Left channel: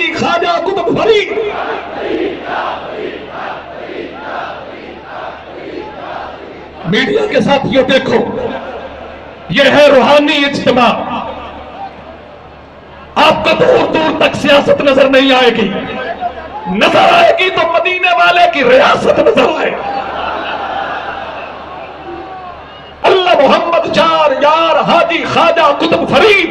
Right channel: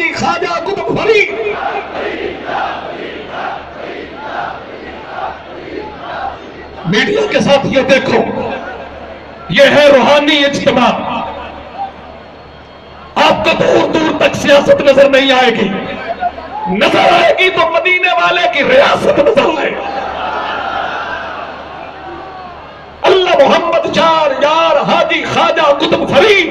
حاجی خواجہ Qutub Farid. Media کے ساتھ یہ دیکھو، یہ ہے روحانی اجتماع. آپ کو دور دور تک سیاست نظر نہیں آئے گی، نظر آئے گی تو مدینے والے کی ریاست نظر آئے گی. اللہ محمد چار یار حاجی خواجہ قطب فرید.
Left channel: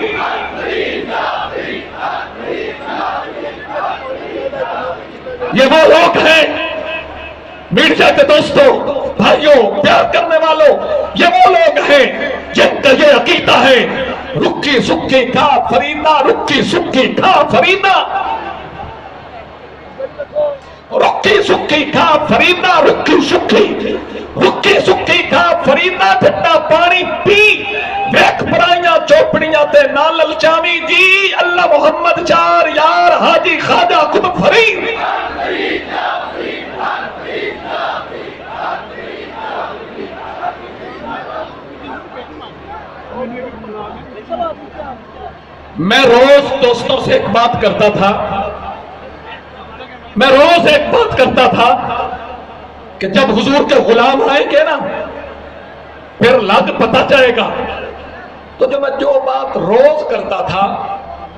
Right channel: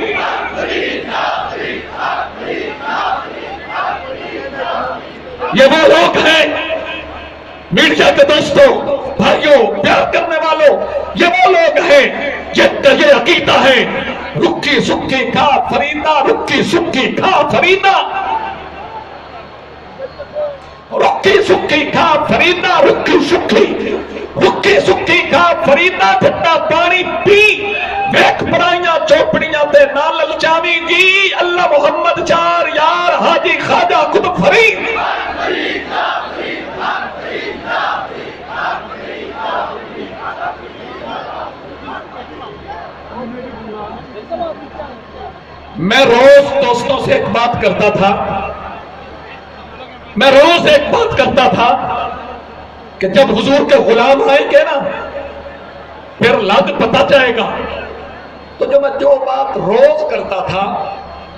یہ وہ لوگ ہیں میڈیا کے دوستوں، بھائیوں، پیار کرنے والوں، یہ وہ لوگ ہیں جن کا یہ عقیدہ ہے رکی سکی کھا فریدا، رکی سکی کھا فریدا، رکی سکی کھا فریدا، رکی سکی کھا فریدا. ٹھنڈا پانی پی، ویکھ پرائیاں چوپڑیاں تے نہ للچاوی جی. اللہ محمد چار یار حاجی خواجہ قطب فرید. میں روز دوستوں سے ایک بات کرتا تھا کہ جب حضور کے غلام آئیں گے نا پھر لگ پتہ چلے گا. تو جو بات روز کرتا تھا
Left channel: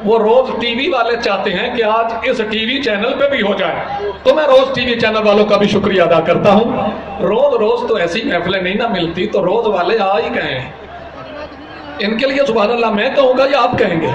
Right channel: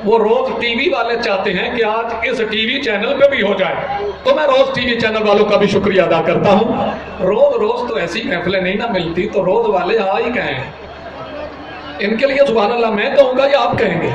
وہ روز ٹی وی والے چاہتے ہیں کہ آج اس ٹی وی چینل پہ بھی ہو جائے. تو میں روز ٹی وی چینل والوں کا بھی شکریہ ادا کرتا ہوں. روز تو ایسی محفلیں نہیں نہ ملتی، تو روز والے آ ہی کہیں. ان کے لیے سبحان اللہ میں کہوں گا یا آپ کہیں گے؟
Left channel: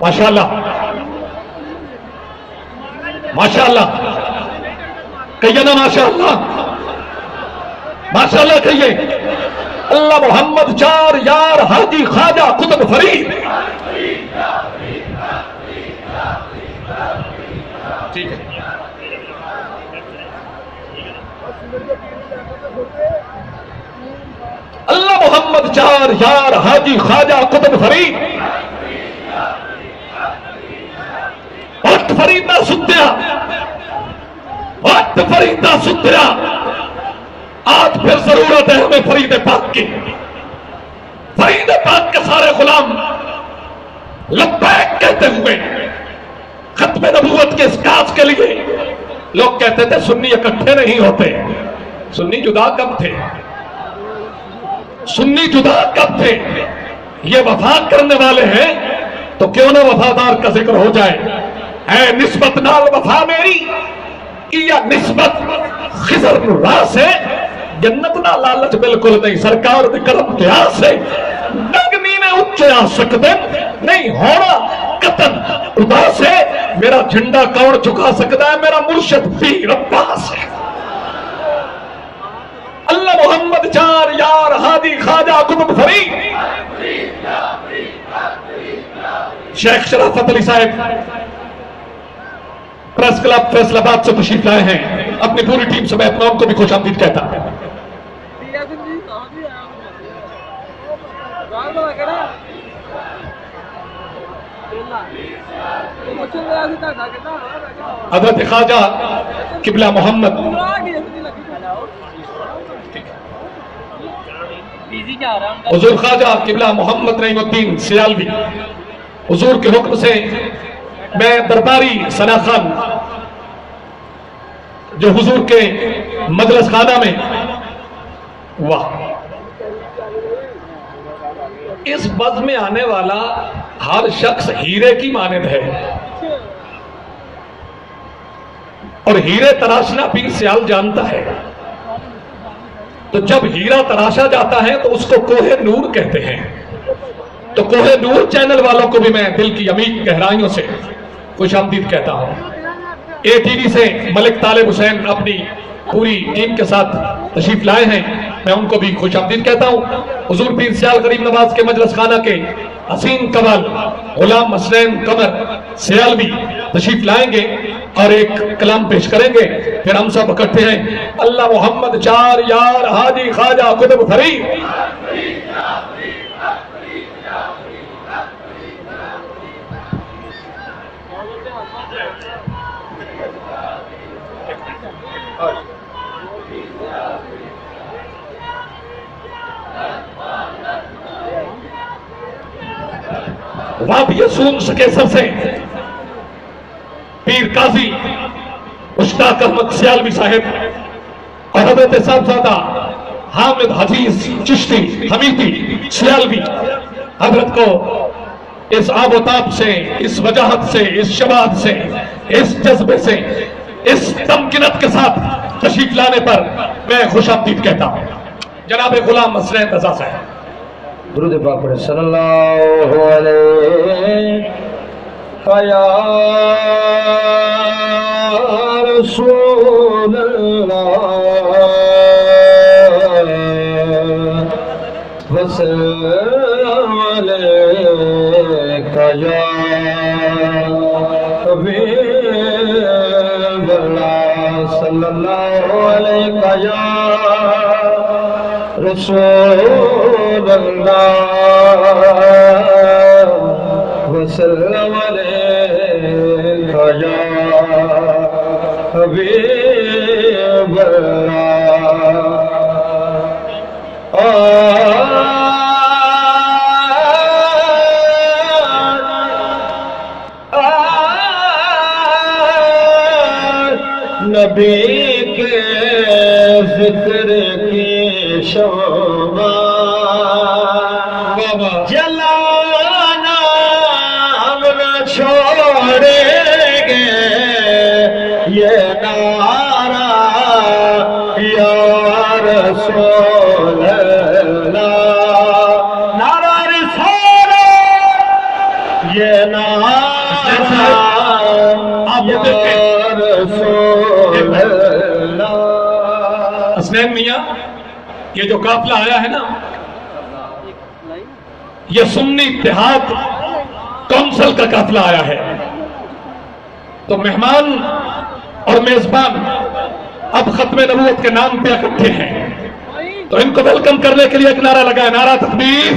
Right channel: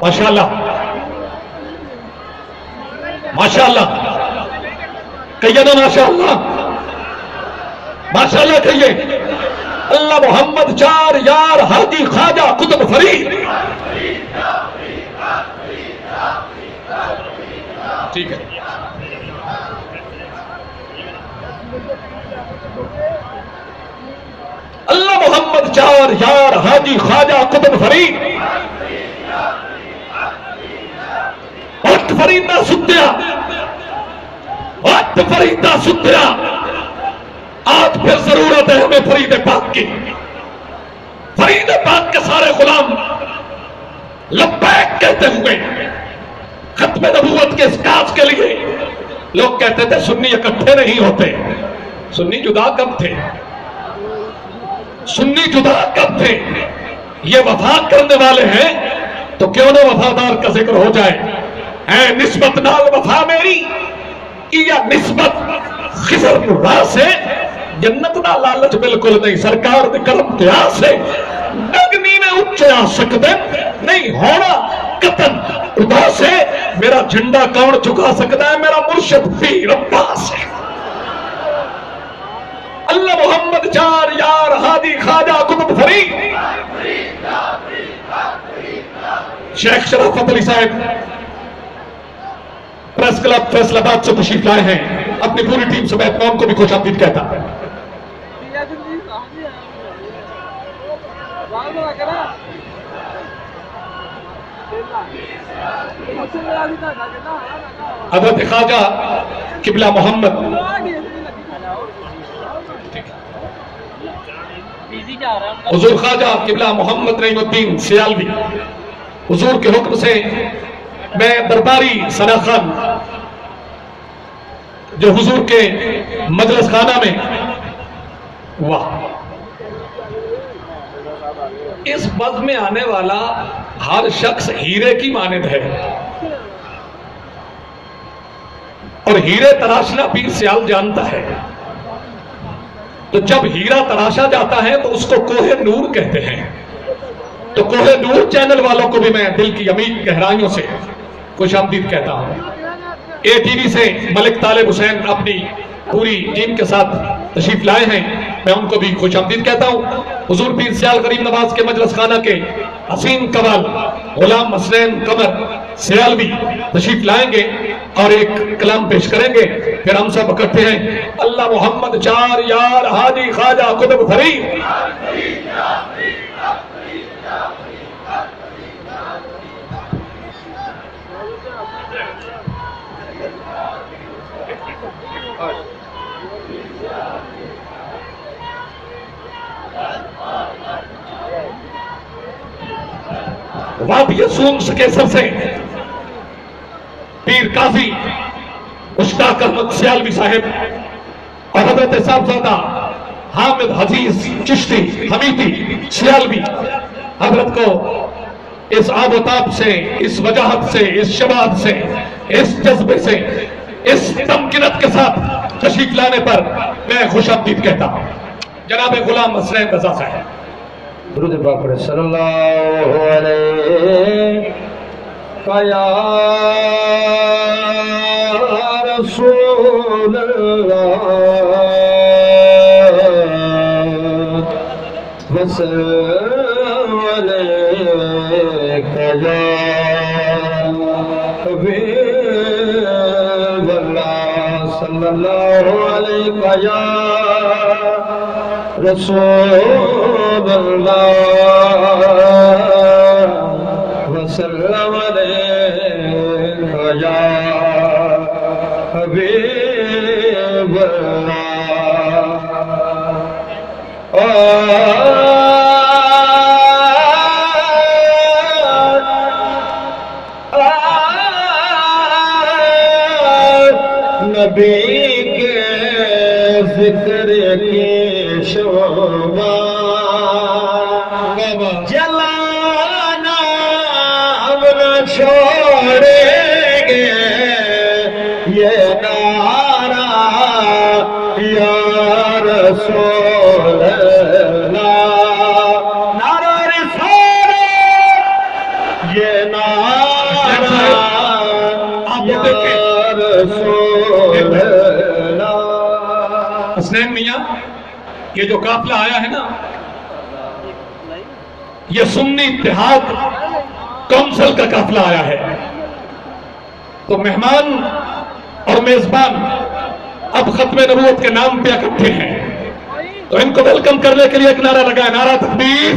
ماشاءاللہ کہیے نا، ماشاءاللہ کہیے. اللہ محمد چار یار حاجی خواجہ قطب فرید. ٹھیک ہے. اللہ محمد چار یار حاجی خواجہ قطب فرید. وقت فریدہ ستیا، وقت فریدہ ستیا. آج پھر ضرورت ہے ہمیں فرید پاک کی. فرید پاک کے سارے غلام لبیک کہتے ہوئے ختم نبوت کے اس کاج کے لیے. لوگ کہتے تھے سنی اکٹھے نہیں ہوتے. سنی جدا کب تھے؟ سنی جدا کب تھے؟ یہ وفا کرنے والے ہیں تو کیوں نہ وفادار کا ذکر ہو جائے. اے نسبت نال وفا میری یا نسبت خضر راہ سے، جنت نہ لالچ بالکل نہیں. سرکار دے کرم دعا سے نگنی نے اچھا سکتے نہیں ہونا قطن. خدا سے میرا جھنڈا کون چکا سکتا ہے؟ میرا مرشد پیر عباس ہے. اللہ محمد چار یار حاجی خواجہ قطب فرید. شیخ شرافت علی صاحب پریس کلب فیصل آباد سے تشریف لائے ہیں. اپنی پوری ٹیم سے میں اپنا کو بھی خوش آمدید کہتا ہوں. حضرت خواجہ قبلہ محمد حضور خواجہ قبلہ محمد نعیم الدین سیالوی، حضور کے حکم سے میں درباری ثنا خان جو حضور کے مجلس خانہ میں واہ اس بز میں آنے والا ہر شخص ہیرے کی مانند ہے. اور ہیرے تراشنا پیر سیال جانتا ہے. تو جب ہیرا تراشا جاتا ہے تو اس کو کوہ نور کہتے ہیں. تو کوہ نور چینل والوں کو بھی میں دل کی عمیق گہرائیوں سے خوش آمدید کہتا ہوں. اے ٹی وی سے ملک طالب حسین اپنی پوری ٹیم کے ساتھ تشریف لائے ہیں، میں ان کو بھی خوش آمدید کہتا ہوں. حضور پیر سیال غریب نواز کے مجلس خانہ کے حسین قوال غلام حسین قمر سیالوی تشریف لائیں گے اور ایک کلام پیش کریں گے. پھر ہم سب اکٹھے ہیں. اللہ محمد چار یار ہادی خواجہ قطب فرید. وادی سونس کے سر سے پیر قاضی مشتاق احمد سیالوی صاحب اور حضرت صاحبزادہ حامد حجیز چشتی حمیدی سیالوی حضرت کو اس آب و تاب سے، اس وجاہت سے، اس شباب سے، اس جذبے سے، اس تمکنت کے ساتھ تشریف لانے پر میں خوش آمدید کہتا ہوں. جناب غلام حسین رضا صاحب. درود پاک پڑھیں. صلی اللہ علیہ یا رسول اللہ وسلم علیک یا حبیب اللہ. صلی اللہ علیہ یا رسول اللہ وسلم علیک یا حبیب اللہ. نبی کے ذکر کی شوبہ جلانا ہم نہ چھوڑیں گے، یہ نعرہ یا رسول اللہ، نعرہ رسالت، یہ نعرہ یا رسول اللہ. حسنین میاں، یہ جو قافلہ آیا ہے نا، یہ سنی اتحاد کونسل کا قافلہ آیا ہے. تو مہمان اور میزبان اب ختم نبوت کے نام پہ اکٹھے ہیں، تو ان کو ویلکم کرنے کے لیے ایک نعرہ لگا. نعرہ تکبیر،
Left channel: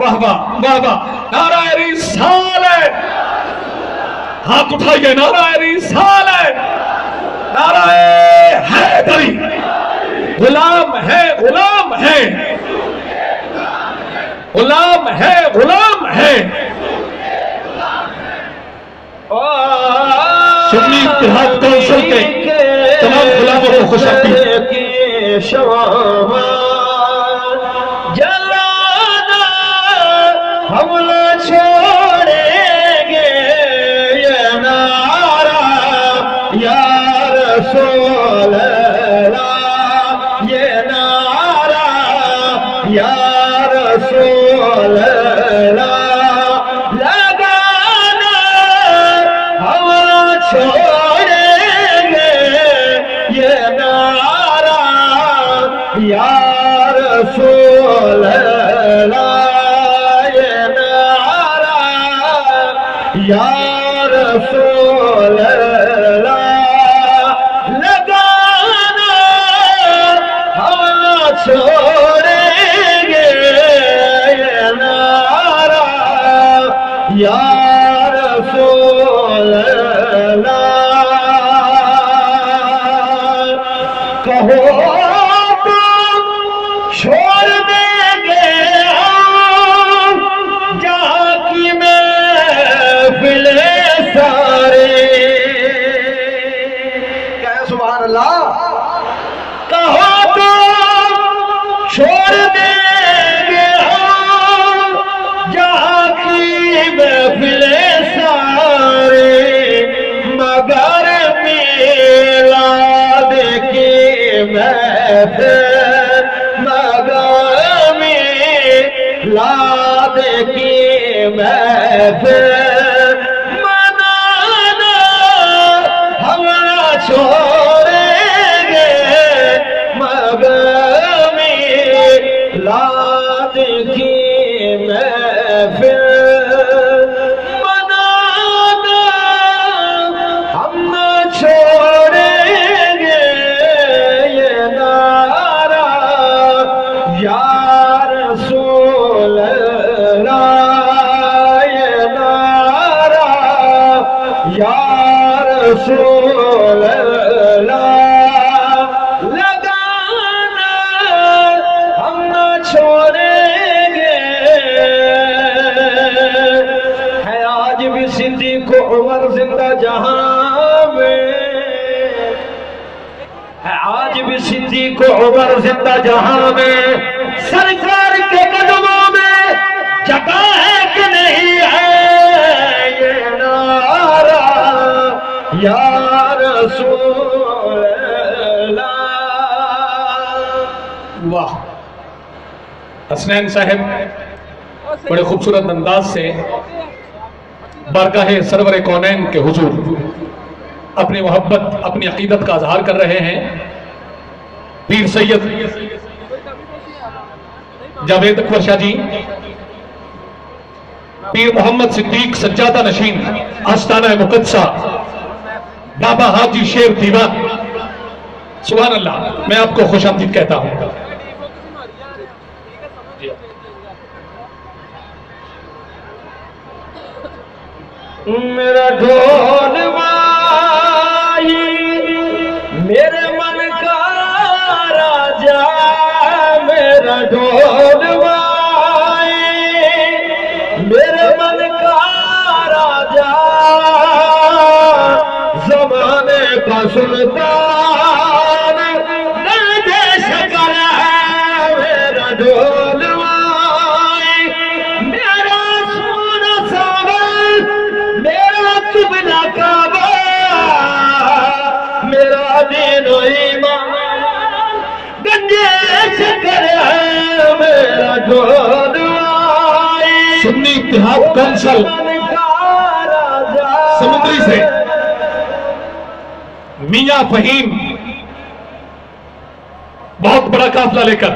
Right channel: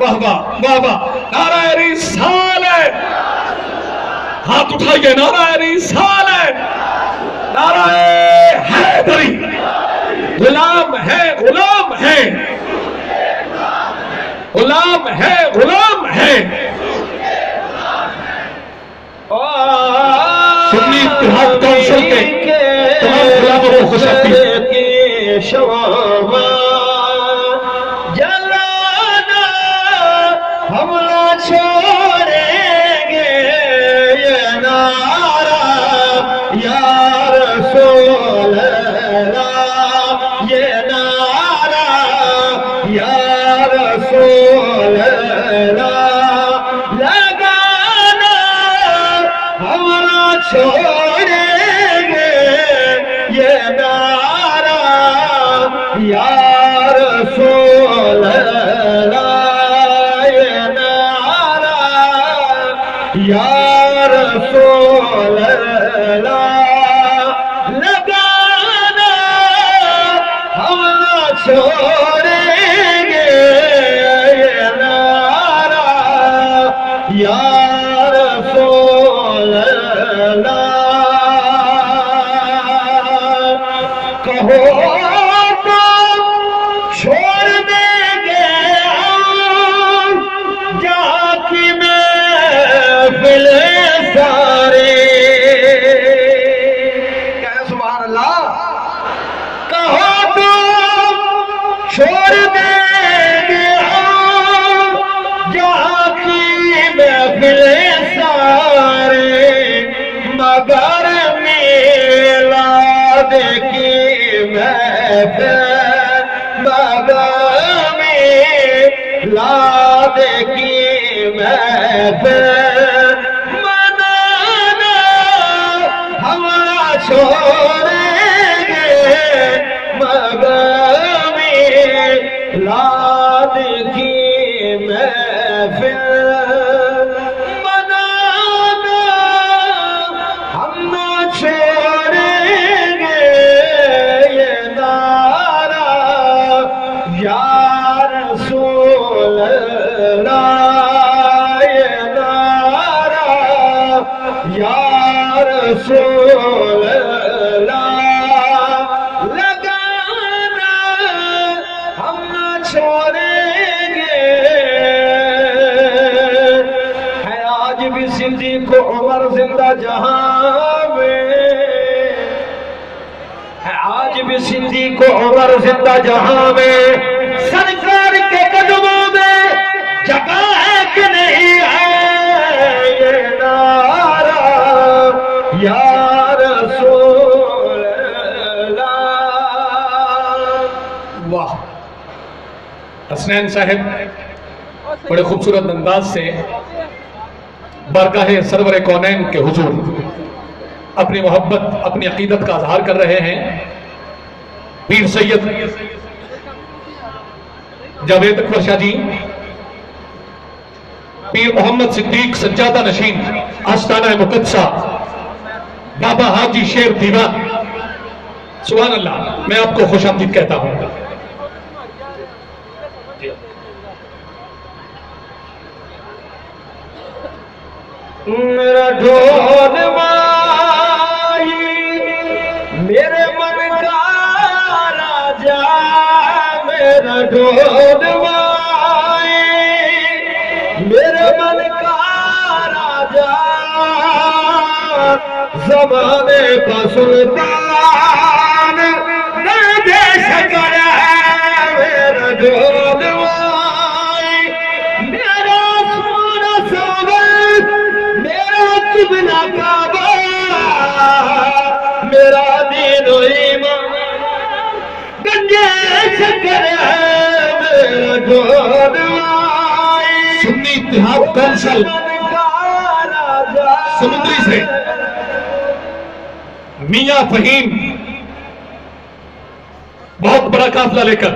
واہ واہ واہ واہ. نعرہ رسالت، ہاتھ اٹھائیے. نعرہ رسالت، نعرہ حیدری. غلام ہے، غلام ہے، غلام ہے، غلام ہے. سنی اتحاد کونسل کے تمام غلاموں کو خوش آمدید. جلانا ہم نہ چھوڑیں گے، یہ نعرہ یا رسول اللہ، یہ نعرہ یا رسول اللہ لگانا ہم نہ چھوڑیں گے، یہ نعرہ یا رسول اللہ، یہ نعرہ یا رسول اللہ لگانا ہم نہ چھوڑیں گے، یہ نعرہ یا رسول اللہ. کہو تو چھوڑ دیں گے ہم جہاں کی محفل سارے. کہہ سبحان اللہ. کہو تو چھوڑ دیں گے ہم جہاں کی محفل سارے، مگر محفل مقامی لاد کی محفل منانا ہم نہ چھوڑیں گے مقامی لاد کی محفل منانا ہم نہ چھوڑیں گے یہ نعرہ یا رسول اللہ یہ نعرہ یا رسول اللہ لگانا ہم نہ چھوڑیں گے ہے آج بھی صدیق و عمر زندہ جہاں میں ہے آج بھی صدیق و عمر زندہ جہاں میں سرکار کے قدموں میں جگہ ہے کہ نہیں ہے یہ نعرہ یا رسول اللہ واہ حسنین صاحب بڑے خوبصورت انداز سے بارگاہ سرور کونین کے حضور اپنی محبت اپنی عقیدت کا اظہار کر رہے ہیں پیر سید جاوید اکبر شاہ جی پیر محمد صدیق سجادہ نشین آستانہ مقدسہ بابا حاجی شیر دیوان سبحان اللہ میں آپ کو خوش آمدید کہتا ہوں میرا ڈھول مائی میرے من کا راجا میرا ڈھول مائی میرے من کا راجا زمانے کا سلطان دے شکر ہے میرا ڈھول مائی میرا سونا ساور میرا قبلہ کعبہ میرا دین و ایمان گنجے شکر ہے میرا ڈھول مائی سنی اتحاد کونسل سمندری سے میاں فہیم بہت بڑا قافلہ لے کر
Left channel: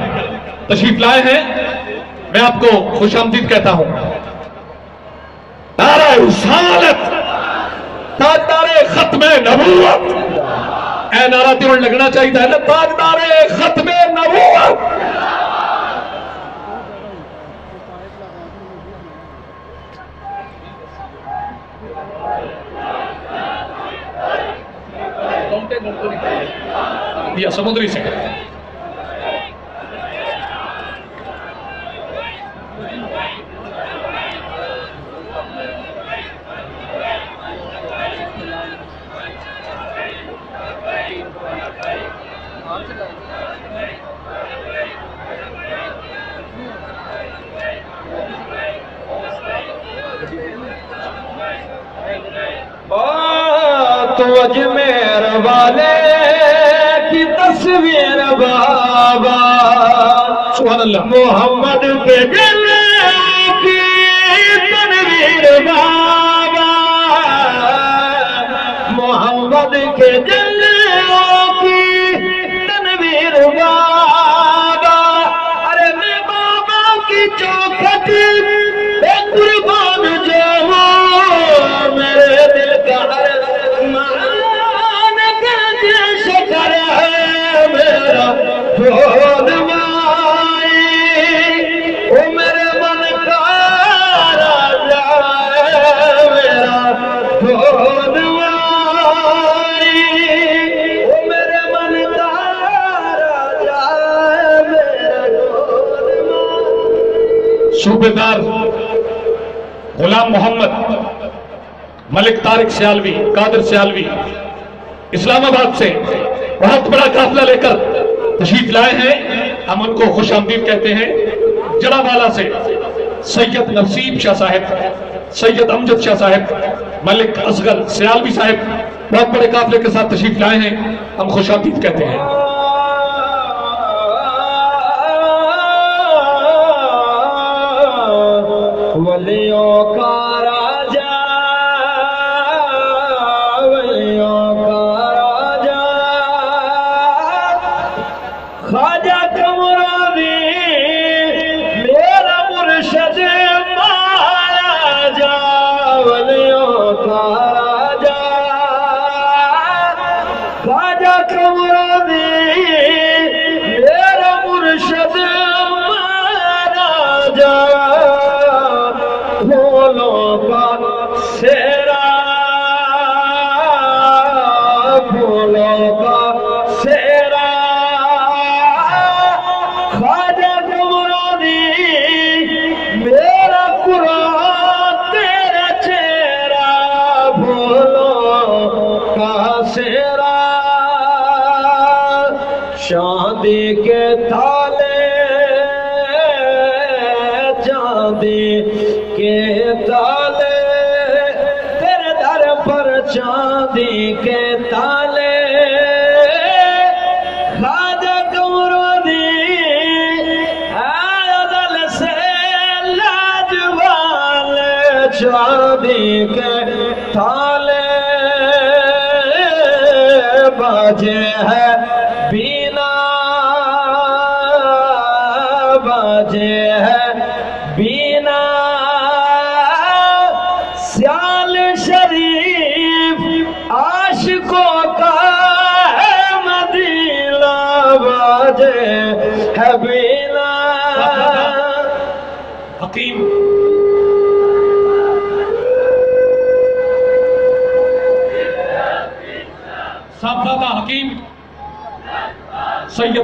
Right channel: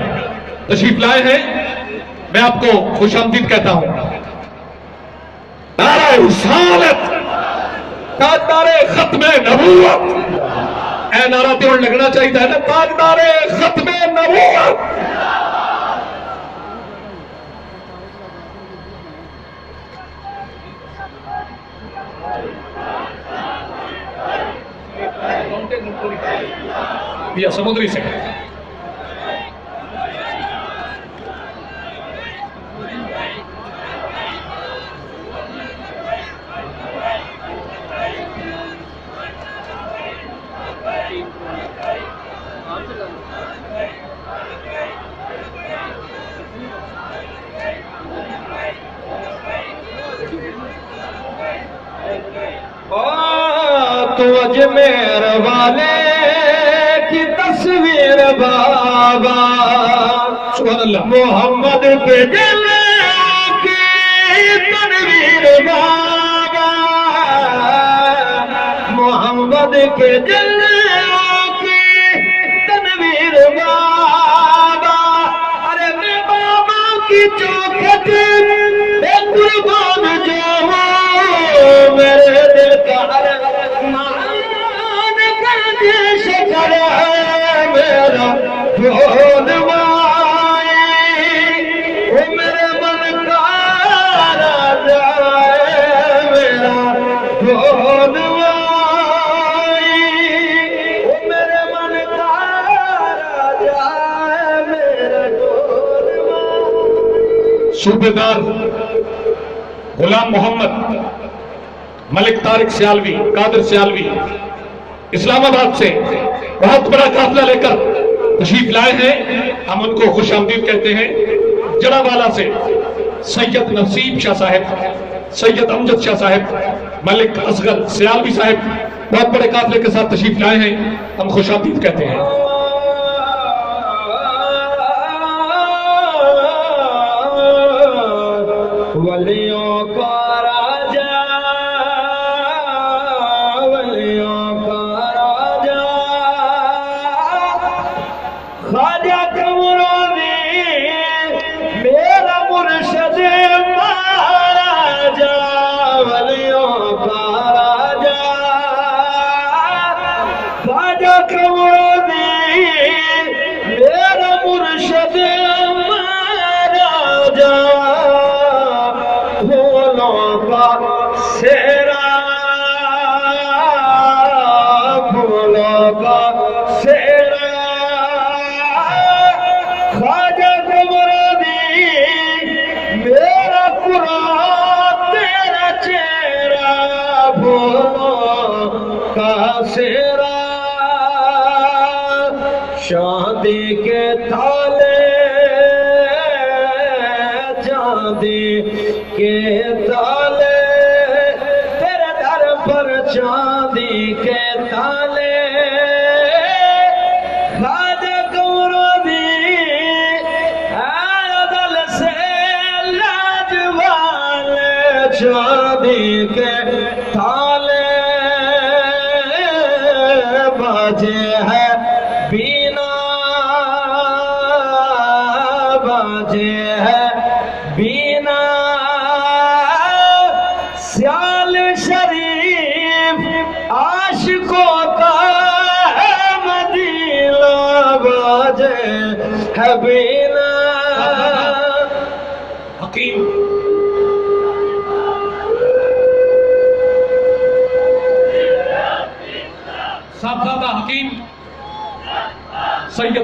تشریف لائے ہیں میں آپ کو خوش آمدید کہتا ہوں نعرہ رسالت تاجدار ختم نبوت اے نعرہ تیون لگنا چاہیے تھا تاجدار ختم نبوت یا سمندری سے تو اجمیر والے کی تصویر بابا سبحان اللہ محمد کے جلووں کی تنویر بابا محمد کے جلووں کی تنویر بابا ارے میں بابا کی چوکھٹی قربان جاؤں میرے دل کا ہر مان کا شکر ہے میرا ڈھول مائی وہ میرے من کا راجا ہے میرا ڈھول مائی وہ میرے من کا راجا ہے میرا ڈھول مائی صوبیدار غلام محمد ملک طارق سیالوی قادر سیالوی اسلام آباد سے بہت بڑا قافلہ لے کر تشریف لائے ہیں ہم ان کو خوش آمدید کہتے ہیں جڑا والا سے سید نصیب شاہ صاحب سید امجد شاہ صاحب ملک اصغر سیالوی صاحب بہت بڑے قافلے کے ساتھ تشریف لائے ہیں ہم خوش آمدید کہتے ہیں ولیوں کا راجا ولیوں کا راجا خواجہ قمرانی میرا مرشد مہاراجا ولیوں کا راجا خواجہ قمرانی میرا مرشد مہاراجا پھولوں کا سیرا پھولوں کا سیرا خواجہ قمرانی میرا قرآن تیرا چہرہ پھولوں کا سیرا شادی کے تالے چاندی کے تالے تیرے در پر چاندی کے تالے خواجہ قمرانی آیا دل سے لاجوال چاندی کے تالے باجے ہے بینا باجے ہے بینا سیال شریف عاشقوں کا ہے مدینہ باجے ہے بینا حکیم صاحبزادہ حکیم سید